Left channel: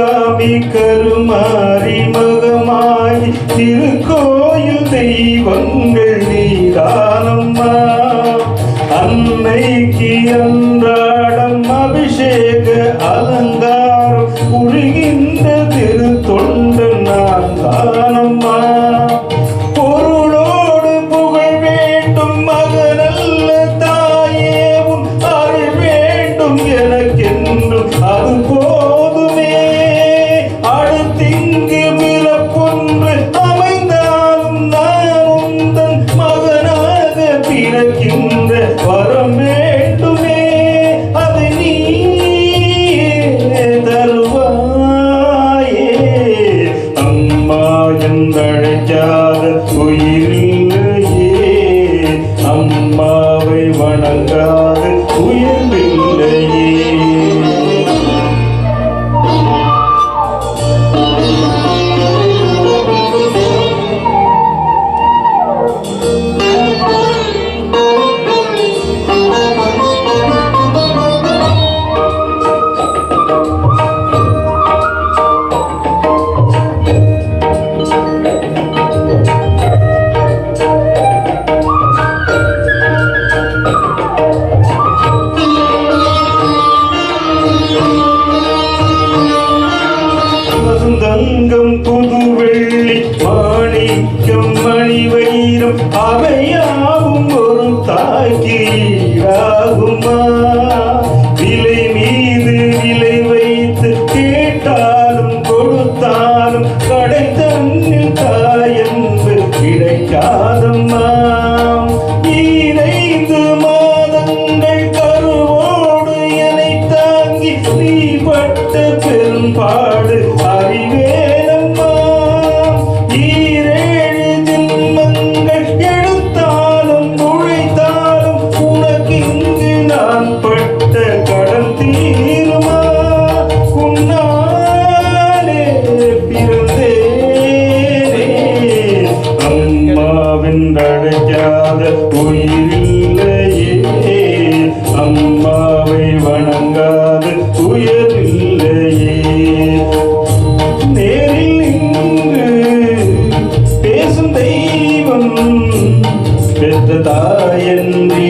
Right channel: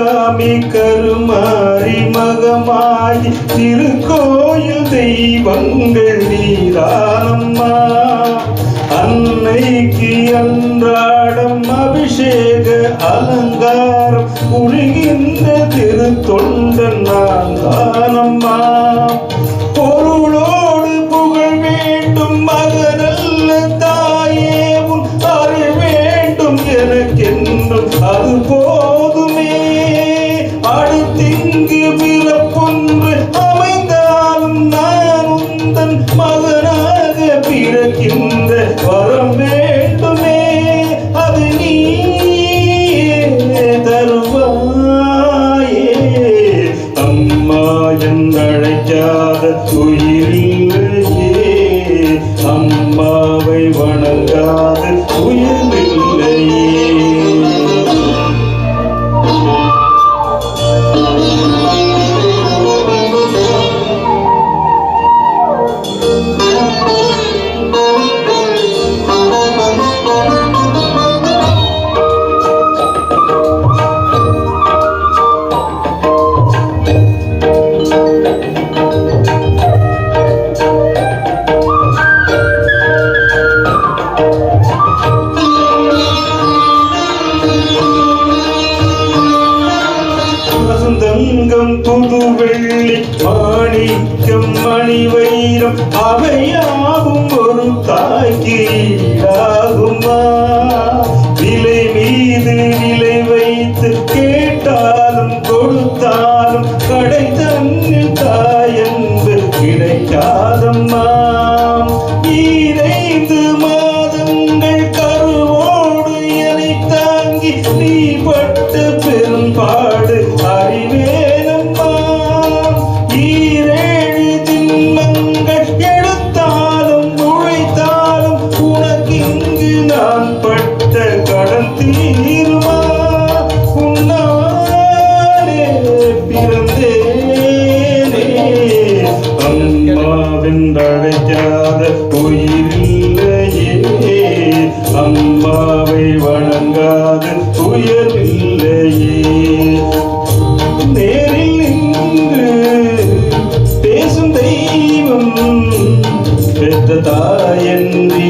சிவகாமி கருமாரி மகமாயி திருக்கோயில் தெய்வங்கள் நீதானம்மா. அன்னைக்கு அன்றாடம் அபிஷேக அலங்காரம் புரிகின்ற திருத்தொண்டன் நான் தானம்மா. பொருளோடு புகழ் வேண்டும் மகனல்ல தாயே உன் அருள் வேண்டும் எனக்கென்றும் அது போதுமே. அடுத்திங்கு பிறப்பொன்று அமைந்தாலும் நான் உந்தன் மகனாக பிறக்கின்ற வரம் வேண்டுமே. அது நீ தருவாயே. அம்மா என்றழைக்காத உயிரில்லையே, அம்மாவை வணங்காத உயிரில்லையே. தங்கம் புது வெள்ளி மாணிக்கம் மணி வைரம் அவையாவும் ஒரு தாய்க்கு ஈடாகுமா. விலை மீது விலை வைத்து கேட்டாலும் கொடுத்தாலும் கடை தன்னில் தாயன்பு கிடைக்காதம்மா. 15 மாதங்கள் கருவோடு என்னை தாங்கி நீ பட்ட பெரும்பாடு அறிவேனம்மா. 7 ஜென்மங்கள் எடுத்தாலும் உழைத்தாலும் உனக்கிங்கு நான் பட்ட கடன் தீருமா. உன்னாலே பிறந்தேனே, அம்மாவென்றழைக்காத உயிரில்லையே, அம்மாவை வணங்காத உயரில்லையே. நேரில் நின்று பேசும் தெய்வம் பெற்ற தாயன்றி